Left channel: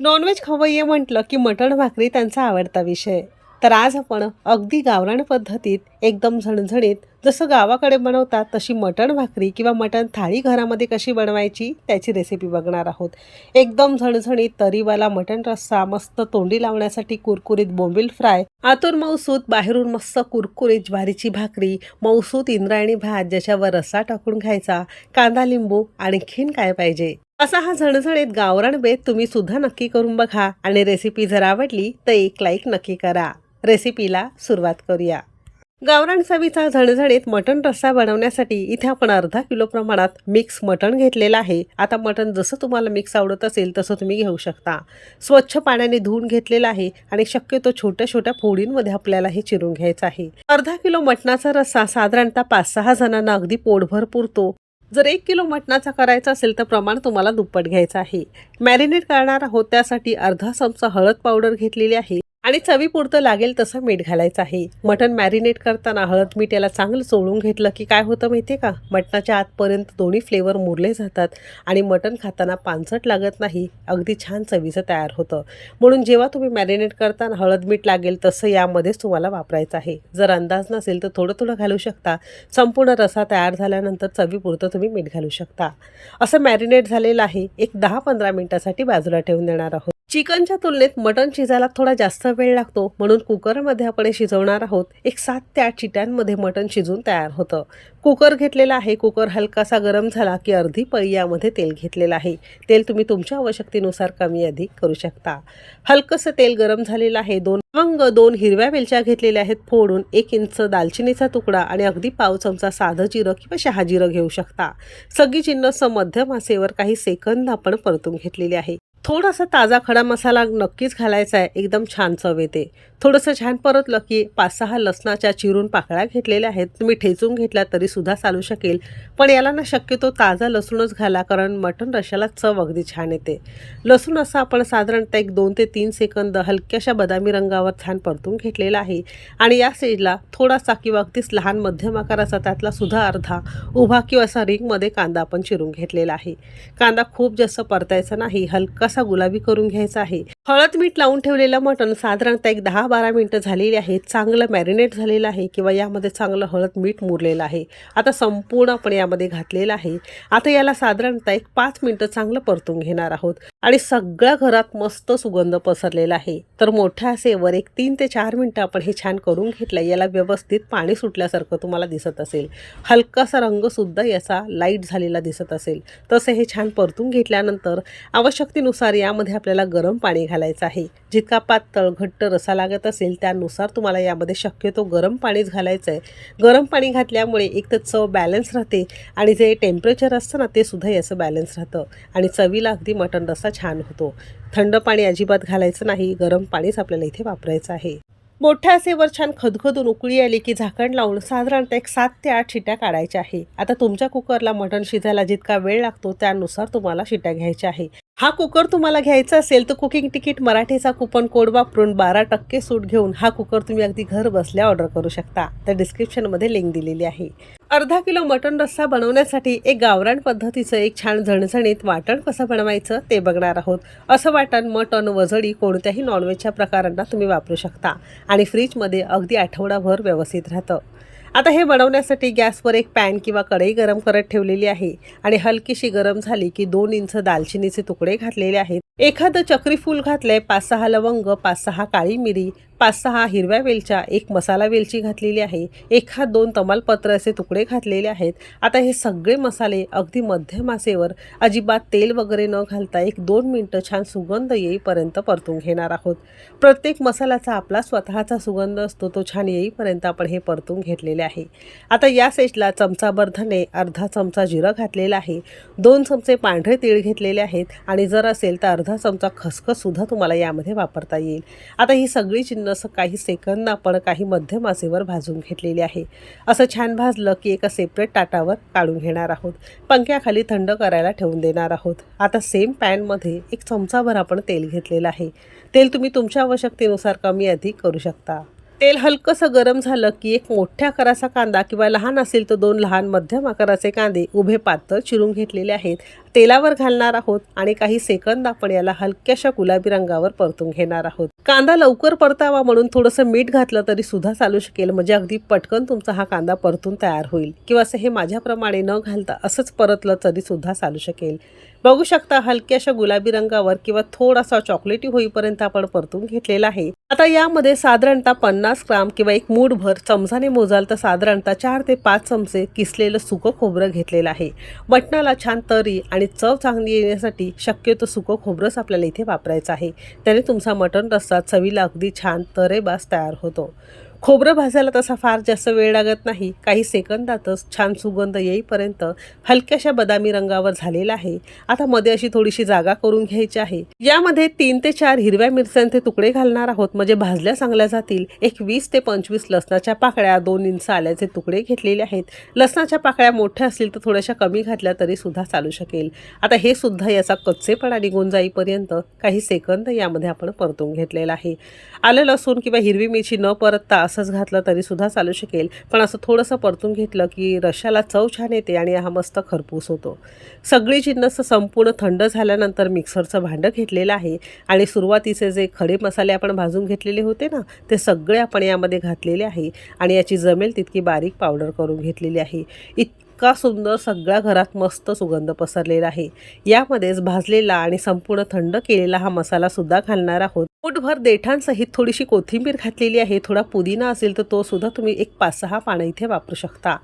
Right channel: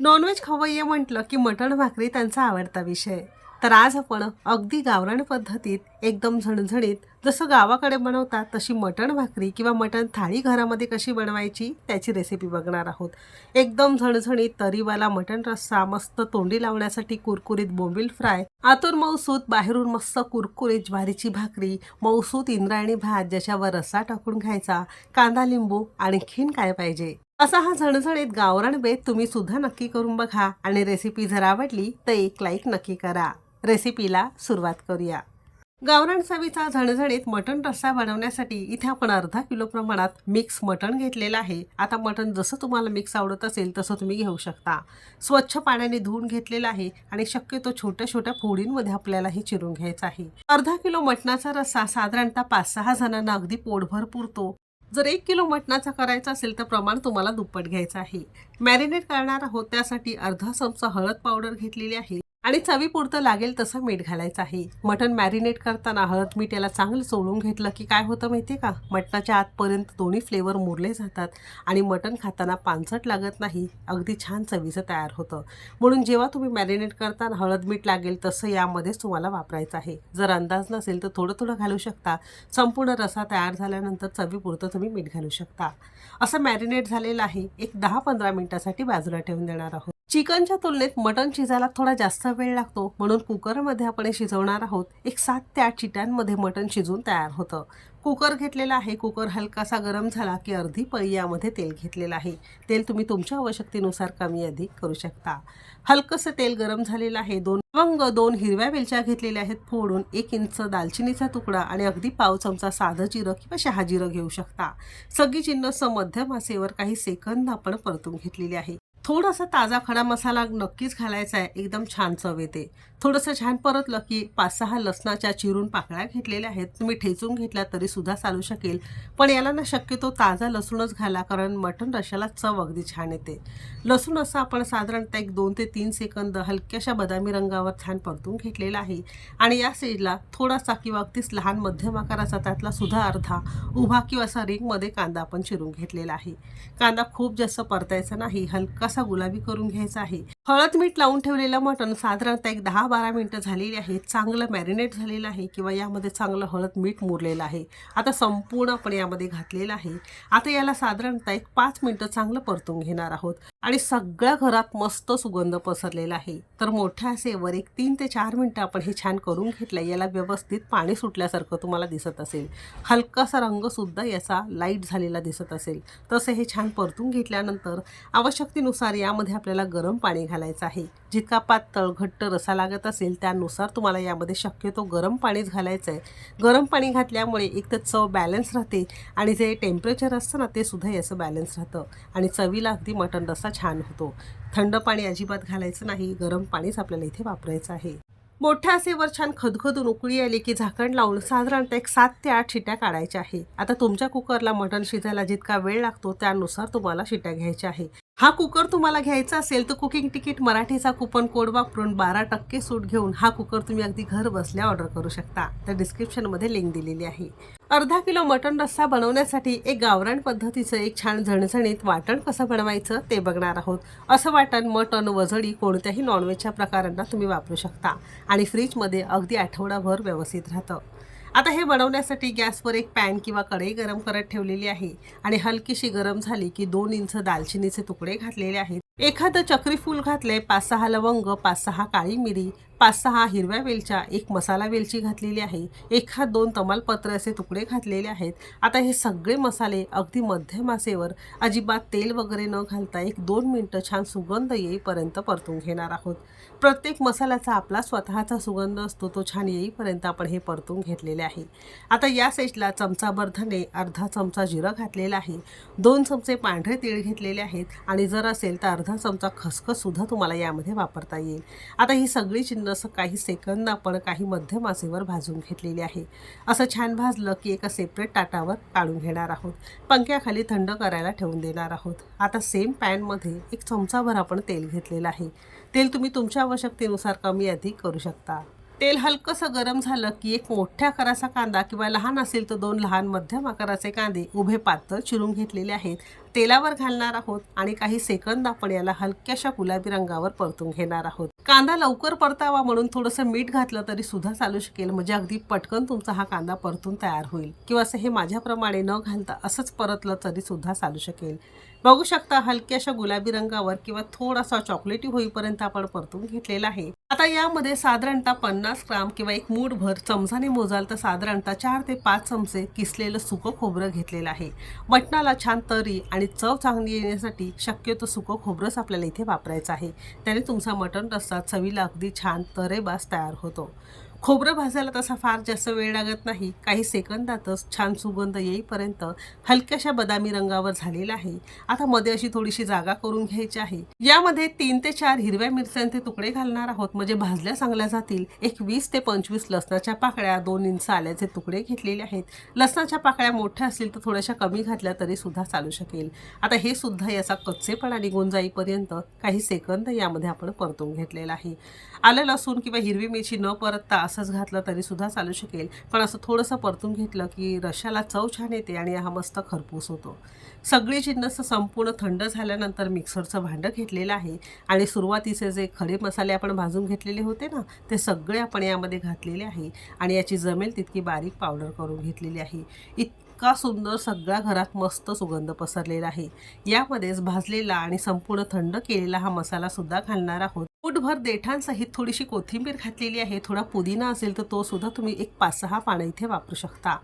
Non veg खवय्ये म्हटलं की मटण भाकरी त्यांचा आवडता विषय. तर आज आपण अगदी गावरान पद्धतीत एकदम झणझणीत जसं गावाकडे बनवतात तशी मटण भाकरी किंवा मटण थाळी घरामध्ये कशी बनवायची त्याची रेसिपी बघणार आहोत. एकदम झणझणीत तरीवाला मटण रस्सा मस्त तोंडी लावण्यासाठी कुरकुरीत बोंबील फ्राय आतुर मौसूत बाहेरून मस्त कुरकुरीत ज्वारीची भाकरी मौसूत इंद्रायणी भात ज्याच्यावर रस्सा टाकून खायचा कांदा लिंबू आणखीन काय पाहिजे. असा हा झणझणीत गावरान बेत तुम्ही सुद्धा नक्की करून बघा आणि रेसिपी जर आवडली तर एक लाईक नक्की करा. रेसिपीला सुरुवात करूया. गावरान चवीचा झणझणीत मटण रस्सा बनवण्यासाठी इथे आपण अर्धा किलो प्रमाणात मिक्स मटण घेतलेलं आहे. आता मटण जसं तुम्हाला मिक्स आवडत असेल तसं तुम्ही घेऊ शकता. स्वच्छ पाण्याने धुवून घेतलेलं आहे आणि शक्यतो छोट्या छोट्या फोडींमध्ये आपल्याला हे चिरून घ्यायचं आहे. अर्धा किलो मटणाचा रस्सा साधारणतः पाच सहा जणांना अगदी पोटभर पुरतो. जर एक किलो मटणाचा करायचा असेल तर प्रमाण तुम्हाला दुप्पट घ्यायचं आहे. मॅरिनेट करणार आहोत त्यासाठी अर्धा चमचा हळद पावडर घेतलेली आहे. आणि चवीपुरतं लागेल तसं मीठ घालायचं आहे. मटण मॅरिनेट करताना हळद मीठ याला चांगलं चोळून घेतलं की काय होतं माहिती आहे का? मटणाच्या आतपर्यंत दोन्ही फ्लेवर मुरले जातात आणि मटण खाताना पानसट लागत नाही अगदी छान चवीचं तयार होतं. म्हणून जेव्हा तुम्ही मॅरिनेट करताना हळद मीठ लागेल तसं यामध्येच तुम्हाला वापरायचं आहे. जर अंदाज नसेल तर थोडं थोडं घालू शकता. संपूर्ण रसा तयार झाल्यानंतर चवीपुरतं तुम्ही मीठ घालू शकता. असं मॅरिनेट झालेलं आहे. एक दहा पंधरा मिनिटासाठी बाजूला ठेवून देणार आहोत. चिकनच्या तुलनेत मटण शिजायला थोडा जास्त वेळ लागतो. म्हणून कुकरमध्ये आपण हे शिजवणार आहोत. एक सात ते आठ चिट्यांमध्ये मटण शिजून तयार होतं. कुकर घेतलेला आहे. कुकर हलकासा गरम झाला की अर्धी पळी यामध्ये तेल घेतलेलं आहे. तेल तुम्ही तुमच्या आवश्यकतेनुसार कमी अधिक करू शकता. हलकंसं तेल गरम झालेलं आहे. दोन लवंग दोन हिरव्या वेलच्या घेतलेल्या आहेत. फोडून एक इंच दालचिनीचा तुकडा आणि अगदी पाव चमचा साधं जिरं किंवा शहाजिरं घेऊ शकता. सगळी जिन्नस मध्यम आसेवर काही सेकंद आपण परतून घेतलेली आहे. थोडासा ताजा खडा मसाला नक्कीच घालायचा आहे. एकदम छान चव येते. थोडंसं छान परतलं की पाच सहा लसणाच्या चिरून पाकळ्या घेतलेल्या आहेत. तुम्ही ठेचून घेतल्या तरीसुद्धा चालू शकेल. पण याला ना शक्यतो ताजा लसूणच घाला कारण मटण रशाला चव अगदी छान येते. लसूण असं आपण साधारणतः एक दोन ते तीन सेकंद हलक्याशा बदामी रंगावर छान परतून घेतलेला आहे. आणि या स्टेजला थोडासा किंवा अगदीच लहान मध्यम आकाराचा त्यातला सुद्धा अर्धा उभा किंवा असा रिंगमध्ये कांदा आपण चिरून घेतलेला आहे. कांदा खूप जास्त परतायचा नाही. असा गुलाबी करून घ्यायचा आहे. हळद मीठ लावून ठेवलेलं मटण साधारणतः एक दहा बारा मिनटं झालेली आहेत चांगलं मॅरिनेट झालेलं आहे किंवा यामध्ये चांगलं हळद मीठ मुरलेलं आहे. आता संपूर्ण आपण यामध्ये घातलेलं आहे. आता याला साधारणतः एक पाच मिनटं चांगलं परतून घेणार आहोत. आणि सगळ्या घरात मस्त सुगंध पसरलेला आहे. तर मोठ्या असेवर एक तीन ते चार मिनटं आपण हे छान करून घेतलं याला व्यवस्थित पाणी सुटल्यासारखं तुम्हाला दिसत असेल. हलकासा रंगसुद्धा याचा लाइट झालेला दिसत असेल. तसं हे छान परतून घेतल्यानंतर आवश्यकतेनुसार यामध्ये आपल्याला गरम पाणी घालायचा आहे. जितका पातळ घट्ट रसा लागत असेल त्यानुसार तुम्हाला यामध्ये शक्यतो गरम पाणीच घालायचं आहे गरम पाणी घातल्यामुळे एक तर चव बॅलन्स राहते आणि जे टेम्परेचर असतं ना ते सुद्धा याचं बॅलन्स राहतं आणि चवीला अगदी मटण रस्सा छान होतो. थंड पाणी अजिबात घालायचं नाही गरम पाणीच आपल्याला इथे वापरायचं आहे. मोठ्या असेवर छान खदखदून उकळी आली की झाकण लावून साधारणतः एक सात ते आठ शिट्या काढायच्या आहे. आता तुमच्या कुकरला मटण शिजायला जितका वेळ लागतो त्यानुसार तुम्हाला शिट्या घ्यायच्या आहे. हा कुकर तुम्हाला घ्यायचा असेल तर कुकिंग तिकीट मराठीचा कुपन कोड वापरून बारा टक्के सूट घेऊन हा कुकर तुम्ही अगदी घर बसल्या ऑर्डर करू शकता. तर डिस्क्रिप्शनमध्ये लिंक दिलेली आहे. अर्धा किलो मटण रस्सा बनवण्यासाठी एक गावरान पद्धतीचं एक छान झणझणीत वाटण कसं बनवायचं ते बघणार आहोत. असं वाटण मटण वजडी कोणत्याही नॉनव्हेजच्या प्रकारांना तुम्ही वापरू शकता. आणि फ्रीजमध्ये अगदी आठवडाभर व्यवस्थित राहतं. आता हे बनवण्यासाठी गॅसवर एक पॅन किंवा कढई गरम करत ठेवलेली आहे आणि हलकीशी गरम झाली की दोन इंच दालचिनीचे तुकडे घातलेले आहेत. एखादं चक्रीफूल घातलंय पाच सहा लवंग पाच सहा काळी मिरी पाच सहा हिरव्या वेलच्या एक मसाला वेलची घातलेली आहे एखाद दोन तमालपत्र असे तुकडे घातलेले आहेत. आता हे सगळे मसाले अगदी मध्यम आसेवर अजिबात तेल वगैरे न घालता एक दोन मिनटं छान सुगंध येईपर्यंत परतून घेणार आहोत. प्रत्येक मसाल्याचा आपला स्वतःचा सुगंध असतो तो छान येईपर्यंत आपण हे परतून घेतलेले आहे. आता या सेजला चमचाभर धने अर्धा चमचा जिरं घातलेला आहे दोन चमचे पांढरे तीळ घेतलेले आहेत आणि जर असेल तर अर्धा चमचा खसखससुद्धा तुम्हाला यामध्ये वापरता येईल. आता ही सगळी जिन्नस काही सेकंद आपण काही मध्यम आसेवर भाजून घेतलेली आहे. असं छान भाजलं की एका सेपरेट ताटावर काढून घेणार आहोत. पंख्याखाली थंड करायला ठेवून देणार आहोत. आता सेम पॅनमध्ये एक चमचाभर आपण तेल घेतलेलं आहे. तेल तुम्ही तुमच्या आवश्यकतेनुसार कमी अधिक करू शकता. तेल हलकंसं गरम झालं की एक मोठ्या आकाराचा कांदा किंवा लहान असेल तर दोन लहान मध्यम आकाराचे कांदे उभे पातळ चिरून घेतलेले आहेत. तेलावर घालणार आहोत आणि काही सेकंद आपण याला हलक्याशा गुलाबी रंगावर परतून घेणार आहोत. कांदा लवकर परतावा म्हणून थोडंसं मीठ घातलं तरी सुद्धा चालू शकेल. म्हणजे अगदी पटकन तुमचा हा कांदा परतून तयार होईल. किंवा असं हे माझ्याप्रमाणे न घालता असंच परतलं तरी सुद्धा चालू शकेल. बघू शकता हलक्याशा गुलाबी रंगावर किंवा थोडासा चॉकलेटी होईपर्यंत आपण परतून घेतलेला आहे. आता यामध्ये साधारणतः पन्नास ग्राम किंवा एक मूठभर चमचाने मोजाल तर साधारणतः चार ते पाच चमचे किसलेलं सुकं खोबरं घेतलेलं आहे. मटणाला छान तरी आणि चव चांगली येण्यासाठी शक्यतो सुकं खोबरंच आपल्याला इथे वापरायचं आहे. त्याने तुमचा मटण रस्सा चवीला अगदी छान तरेबास तयार होतो. खोबरं भाजायला तसा फार जास्त वेळ लागत नाही. काही सेकंदातच छान सुगंध येईपर्यंत हलक्याशा बदामी रंगावर झालेला आहे. आता मध्ये अशी थोडीशी जागा करून घ्यायची आहे. यामध्ये तीन ते चार हिरव्या मिरच्यांचे तुकडे घालणार आहोत. म्हणजे भाजल्या चांगल्या जातील. एक वीस ते पंचवीस लसणाच्या पाकळ्या दोन इंच आल्याचे तुकडे घेतलेले आहेत. लसणाच्या पाकळ्या मोठ्या असतील तर थोड्याशा कमी घातल्या तरी सुद्धा चालू शकेल. आता हे सुद्धा याचा कच्चेपणा निघून जाईपर्यंत काही सेकंद यामध्ये आपण परतून घेतलेला आहे. आलं लसूण किंवा हिरवी मिरची न परतता असंच घातलं तरी सुद्धा चालू शकेल. पण असं थोडंसं परतून घेतलं की रशाला चव छान येते आणि हा मस्त खरपूस होतो. सगळी जिन्नस संपूर्ण थंड झाल्यानंतर मिक्सरचं भांडं घेतलेलं आहे आणि सुरुवातीचे जे खडे मसाले आपण भाजून घेतलेले होते ना ते सगळे आपण यामध्ये घातलेले आहे आणि याची जमेल तितकी बारीक पावडर करून घेतलेली आहे. इतका सुंदर सगळ्या घरात मस्त सुगंध पसरलेला आहे. यामध्येच भाजलेला आणि संपूर्ण थंड केलेला हा मसालासुद्धा घालणार आहोत. पोटभर देठांसहित थोडीशी कोथिंबीर घातलेली आहे थोडा पुदिना असेल तर तो सुद्धा तुम्ही एक पाच सहा पानं इथे वापरू शकता.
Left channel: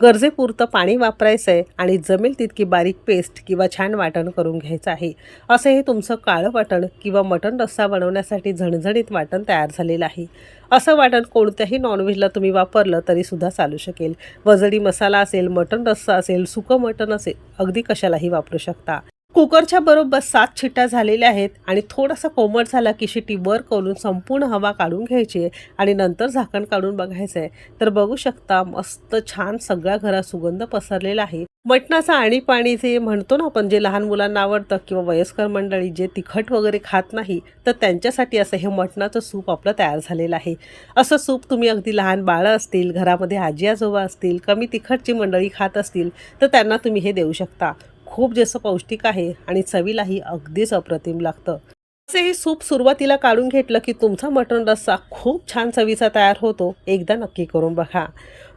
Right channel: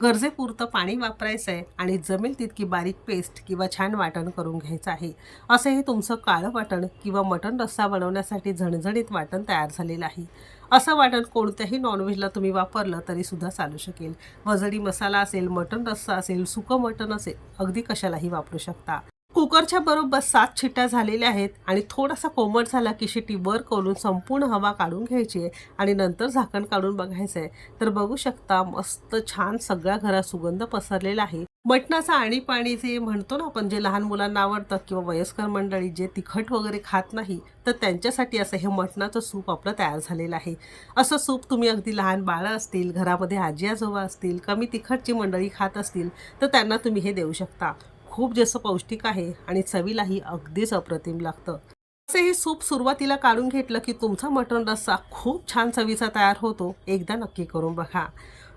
गरजेपुरतं पाणी वापरायचं आहे आणि जमेल तितकी बारीक पेस्ट किंवा छान वाटण करून घ्यायचं आहे. असं हे तुमचं काळं वाटण किंवा मटण रस्सा बनवण्यासाठी झणझणीत वाटण तयार झालेलं आहे. असं वाटण कोणत्याही नॉनव्हेजला तुम्ही वापरलं तरीसुद्धा चालू शकेल. वजडी मसाला असेल मटण रस्सा असेल सुकं मटण असेल अगदी कशालाही वापरू शकता. कुकरच्या बरोबर सात शिट्या झालेल्या आहेत आणि थोडासा कोमट झाला की शिट्टी वर करून संपूर्ण हवा काढून घ्यायची आहे आणि नंतर झाकण काढून बघायचं आहे तर बघू शकता मस्त छान सगळ्या घरात सुगंध पसरलेला आहे. मटणाचं आणि पाणी जे म्हणतो ना आपण जे लहान मुलांना आवडतं किंवा वयस्कर मंडळी जे तिखट वगैरे खात नाही तर त्यांच्यासाठी असं हे मटणाचं सूप आपलं तयार झालेलं आहे. असं सूप तुम्ही अगदी लहान बाळं असतील घरामध्ये आजी आजोबा असतील कमी तिखटची मंडळी खात असतील तर त्यांना तुम्ही हे देऊ शकता. खूप जास्त पौष्टिक आहे आणि चवीलाही अगदीच अप्रतिम लागतं. असे हे सूप सुरुवातीला काढून घेतलं की तुमचा मटण रस्सा खूप छान चवीचा तयार होतो. एकदा नक्की करून बघा.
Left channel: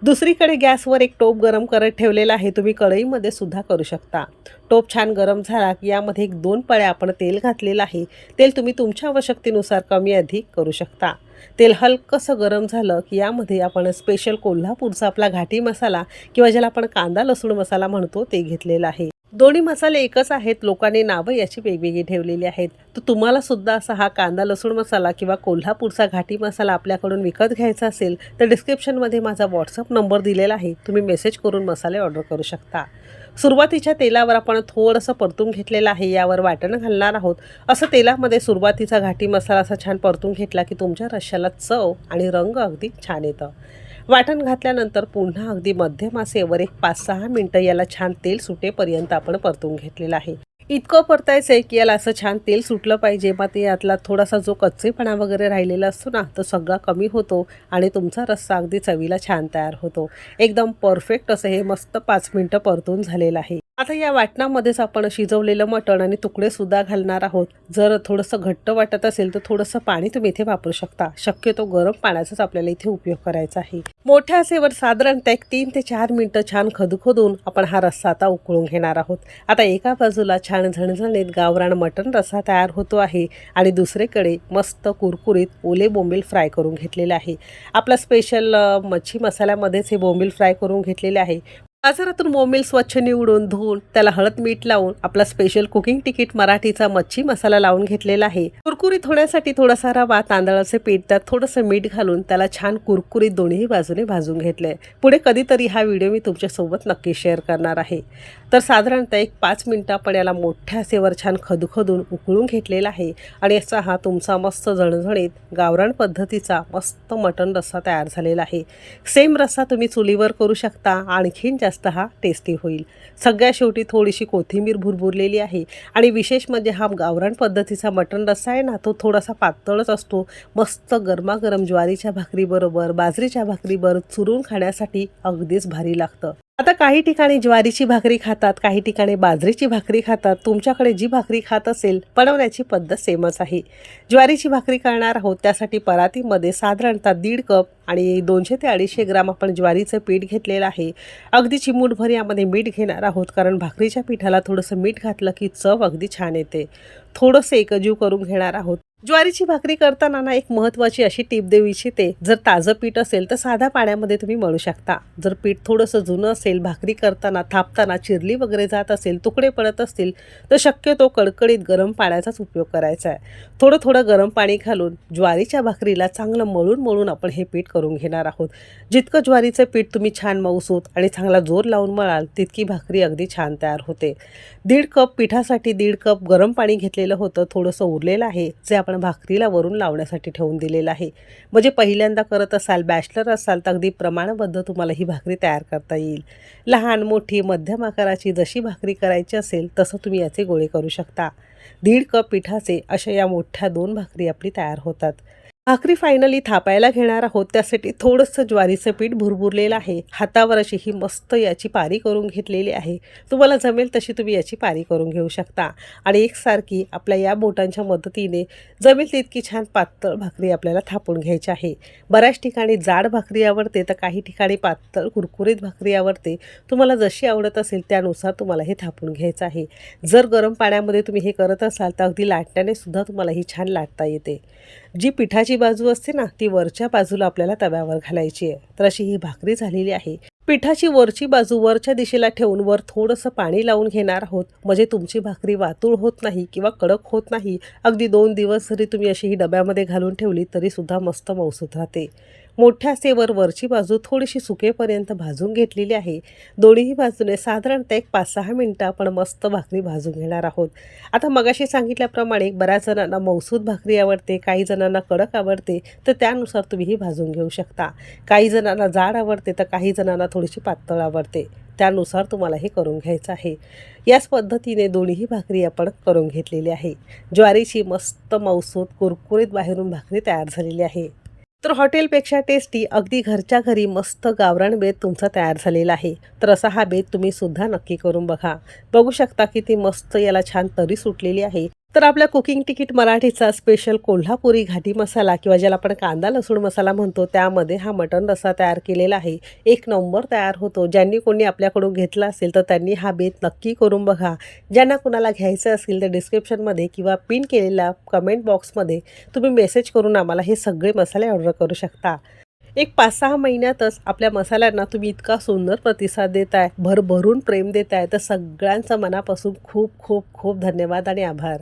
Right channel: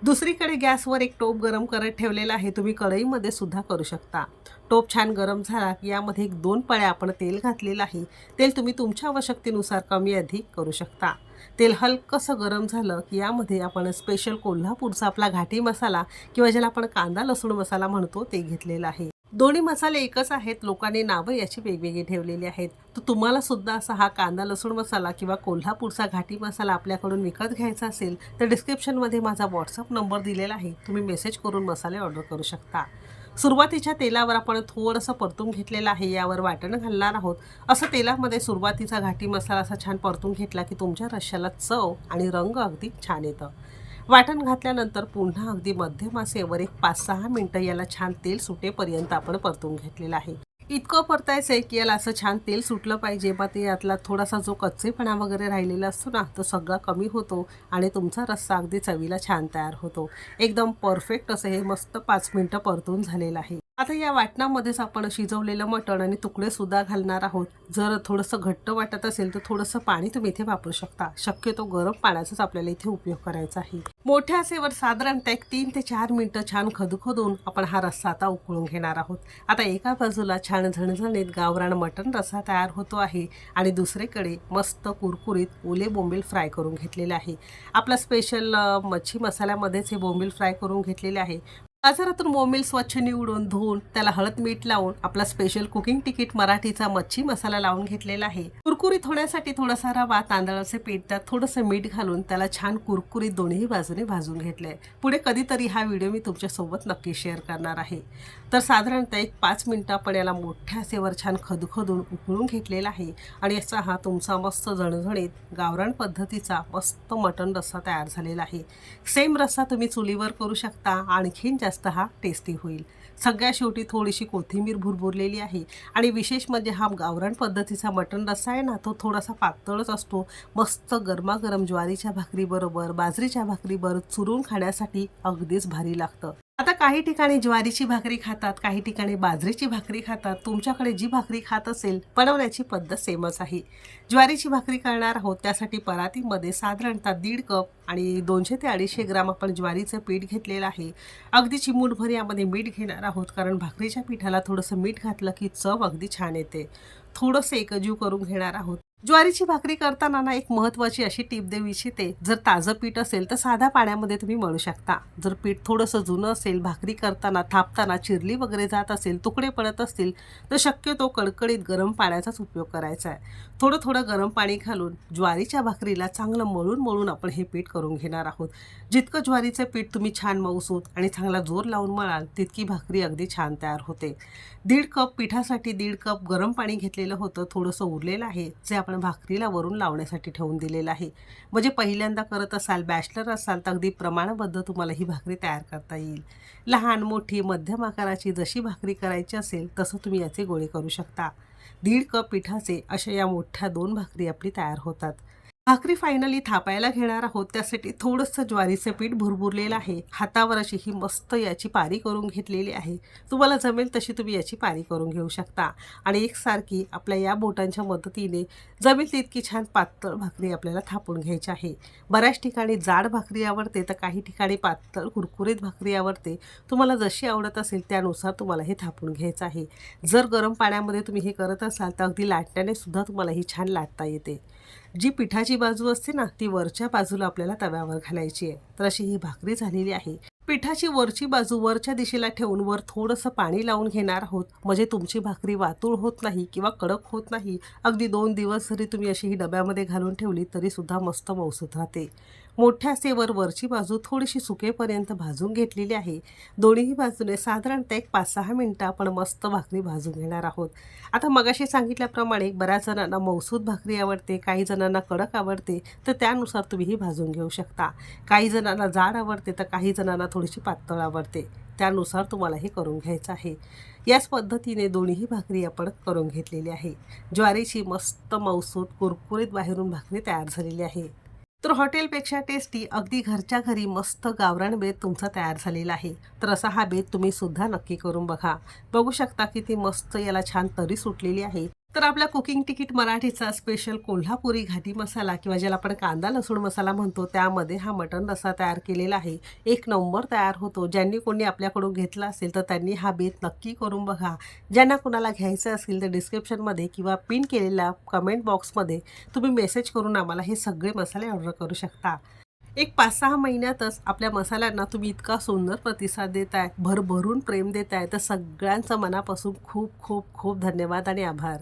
दुसरीकडे गॅसवर एक टोप गरम करत ठेवलेला आहे. तुम्ही कढईमध्ये सुद्धा करू शकता. टोप छान गरम झाला की यामध्ये एक दोन पळ्या आपण तेल घातलेलं आहे. तेल तुम्ही तुमच्या आवश्यकतेनुसार कमी अधिक करू शकता. तेल हलकंसं गरम झालं की यामध्ये आपण स्पेशल कोल्हापूरचा आपला घाटी मसाला किंवा ज्याला आपण कांदा लसूण मसाला म्हणतो ते घेतलेला आहे. दोन्ही मसाले एकच आहेत. लोकांनी नावं याची वेगवेगळी ठेवलेली आहेत. तर तुम्हाला सुद्धा असा हा कांदा लसूण मसाला किंवा कोल्हापूरचा घाटी मसाला आपल्याकडून विकत घ्यायचा असेल तर डिस्क्रिप्शनमध्ये माझा व्हॉट्सअप नंबर दिलेला आहे. तुम्ही मेसेज करून मसाले ऑर्डर करू शकता. सुरुवातीच्या तेलावर आपण थोडंसं परतून घेतलेलं आहे. यावर वाटण घालणार आहोत. असं तेलामध्ये सुरुवातीचा घाटी मसाला असा छान परतून घेतला की तुमच्या रश्श्याला चव आणि रंग अगदी छान येतं. वाटण घातल्यानंतर पुन्हा अगदी मध्यम आसेवर एक पाच सहा मिनटं याला छान तेल सुटेपर्यंत आपण परतून घेतलेलं आहे. इतकं परतायचं आहे की याला असं छान तेल सुटलं पाहिजे. मग ते यातला थोडासा जो कच्चेपणा वगैरे राहिलेला असतो ना तो सगळा कमी होतो आणि तुमचा रस्सा अगदी चवीला छान तयार होतो. एकदम परफेक्ट असं हे मस्त पाच मिनटं परतून झालेलं आहे. आता या वाटणामध्येच आपण शिजवलेलं मटण आणि तुकडे सुद्धा घालणार आहोत. जर थोडंसं घट्ट वाटत असेल तर थोडंसं पाणी तुम्ही इथे वापरू शकता. शक्यतो गरम पाण्याचाच आपल्याला इथे उपयोग करायचा आहे. मोठ्या असेवर साधारणतः एक तीन ते चार मिनटं छान खदखदून आपण हा रस्सा आता उकळून घेणार आहोत. आता एका बाजूला छान झणझणीत गावरान मटण रस्सा तयार होतो आहे आणि दुसरीकडे मस्त कुरकुरीत ओले बोंबील फ्राय करून घेतलेले आहे. आपला स्पेशल मच्छी मसाल्यामध्येच हे बोंबील फ्राय करून घेतलेले आहे. बाजारातून बोंबील स्वच्छ निवडून धुवून त्याला हळद मीठ लावून आपला स्पेशल कुकिंग तिकीट मराठीचा मच्छी मसाला लावून घेतलेला आहे. कुरकुरीत होण्यासाठी थोडासा रवा तांदळाचे पीठ त्यात थोडंसं मीठ घालून त्याला छान कुरकुरीत दोन्ही बाजूने भाजून घेतले पुढे कधीतरी हा व्हिडिओ मी तुमच्यासोबत नक्की शेअर करणार आहे. तर साधारणतः एक पाच मिनटं आपण याला मोठ्या सेवर छान खदखदून उकळून घेतलेला आहे. आणि याचा हा तुमचा मस्त झणझणीत गावरान पद्धतीचा मस्त मटण रस्सा तयार झालेला आहे. सेम रस्सा तुम्ही चुलीवर करू शकता आणखीन जास्त हा टेस्टी होईल. सगळ्या शेवटी थोडीशी कोथिंबीर भुरभुरलेली आहे. आणि विशेष म्हणजे हा गावरान पद्धतीचा मटण रस्सा आहे ना तो थोडासा पातळच असतो. मस्त गरमागरम ज्वारीच्या भाकरीबरोबर बाजरीच्या भाकरीबरोबर चुरून खाण्यासाठी अगदीच भारी लागतं. आता काही ठिकाणी ज्वारीची भाकरी खातात काही ठिकाणी बाजरीची भाकरी खातात. तुमच्याकडे जी भाकरी खात असेल बनवण्याची पद्धत सेमच आहे. ज्वारीची भाकरी करणार आहोत त्यासाठी परातीमध्ये साधारणतः दीड कप आणि दोनशे ते अडीचशे ग्राम आपण ज्वारीचं पीठ घेतलेलं आहे. अगदी चिमूटभर यामध्ये मीठ घेणार आहोत कारण भाकरीच्या पिठाला थोडंसं मीठ घातलं की चव अगदी छान येते. थोडंसं एकजीव करून घेणार आहोत. ज्वारीची भाकरी करताना ना एक महत्त्वाची अशी टीप देऊ इच्छिते जर ताजं पीठ असेल तर साध्या पाण्यामध्ये तुम्ही मळू शकता. जर पीठ थोडंसं जुनं असेल भाकरी करताना थापताना चिरली वगैरे जात असेल तुकडे पडत असतील तर शक्यतो कडकडीत गरम पाण्याचाच उपयोग करायचा आहे. थोडं थोडं गरम पाणी घालून ज्वारीच्या भाकरीला चांगलं मळून मळून आपण हे पीठ करून घेणार आहोत. जितकं ज्वारीचं पीठ तुम्ही छान मऊसूत आणि चांगला जोर लावून मळाल तितकी भाकरी अगदी छान तयार होते. दीड कप पिठासाठी दीड कप गरम पाणी घेतले घेतलेलं होतं थोडंसं उरलेलं आहे जे आपण भाकरीला वरून लावण्यासाठी ठेवून दिलेलं आहे. म्हणजे पहिल्यांदा करत असाल बॅचलर असाल तर अगदी प्रमाणबद्ध तुम्हाला ही भाकरी तयार करता येईल. लहान मोठी मध्यम आकाराची जशी भाकरी करायची असेल तसं तुम्ही याचे गोळे करू शकता. दीड कप पिठाचे अशा या मोठ्या दोन भाकरी आपली तयार होतात. भाकरी फायनली थापायला घेणार आहोत त्यासाठी थोडंसं ज्वारीचं पीठ भुरभुरलेलं आहे. हातावर अशी ही मस्त याची पारी करून घेतलेली आहे. तुम्हाला जमेल तशी तुम्ही याची पारी करून घेऊ शकता. आणि एकसारखी आपल्या या बोटांच्या मदतीने जमेल तितकी छान पातळ भाकरी आपल्याला थापून घ्यायची आहे. बऱ्याच ठिकाणी जाड भाकरी आवडते तर काही ठिकाणी पातळ कुरकुरीत भाकरी आवडते. तुम्हाला जशी आवडत असेल त्यानुसार तुम्हाला हे थापून घ्यायचं आहे. जर गरम पाण्यामध्ये तुम्ही हे करत असाल तर अगदी लाटण्याने सुद्धा तुम्हाला ही छान लाटता येते. जी पिठाची बाजू असते ना ती वरच्या बाजूला आपल्याला तव्यावर घालायची आहे. तर अशी ही भाकरी झालेली आहे. पिठाची वरची बाजू वरच्या दिशेला ठेवून वर थोडंसं पाणी लावून घेणार आहोत. म्हणजे तुमची भाकरी वातूळ होत नाही किंवा कडक होत नाही. अगदी दोन दिवस जरी तुम्ही अशी ही डब्यामध्ये घालून ठेवली तरीसुद्धा मस्त मौसूत राहते. मोठ्या सेवर वरची बाजू थोडीशी सुकेपर्यंत भाजून घेतलेली आहे. दोन्ही बाजूने साधारणतः एक पाच सहा मिनटं आपण मस्त भाकरी भाजून घेणार आहोत. आता मगाशी सांगितल्याप्रमाणे बऱ्याच जणांना मौसूद भाकरी आवडते काही जणांना कडक आवडते तर त्यानुसार तुम्ही ही भाजून घेऊ शकता. काही जणांना जाड आवडते तर काही जणांना थोडीशी पातळ आवडते. त्यानुसार तुम्हाला हे करून घ्यायचं आहे. याच पद्धतीने दोन्ही भाकरी आपण करून घेतलेली आहे. ज्वारीची मस्त मौसूद कुरकुरीत बाहेरून भाकरी तयार झालेली आहे. तर हॉटेलपेक्षा टेस्टी अगदी घरच्या घरी मस्त गावरान बेत तुमचा तयार झालेला आहे. तर असा हा बेत तुम्ही सुद्धा नक्की करून बघा. बघू शकता की ती मस्त याला छान तरी सुटलेली आहे. तर आपल्या कुकिंग तिकीट मराठीचा स्पेशल कोल्हापुरी घाटी मसाला किंवा ज्याला आपण कांदा लसूण मसाला म्हणतो त्यामध्ये हा मटण रस्सा तयार केलेला आहे. एक नंबर तयार होतो. ज्यांनी कोणी आपल्याकडून घेतला असेल तर त्यांनी हा बेत नक्की करून बघा. ज्यांना कुणाला घ्यायचं असेल तर डिस्क्रिप्शनमध्ये किंवा पिन केलेल्या कमेंट बॉक्समध्ये तुम्ही मेसेज करून आम्हाला हे सगळे मसाले ऑर्डर करू शकता. एक पाच सहा महिन्यातच आपल्या मसाल्यांना तुम्ही इतका सुंदर प्रतिसाद देताय भरभरून प्रेम देताय. तर सगळ्यांचं मनापासून खूप खूप खूप धन्यवाद आणि आभार.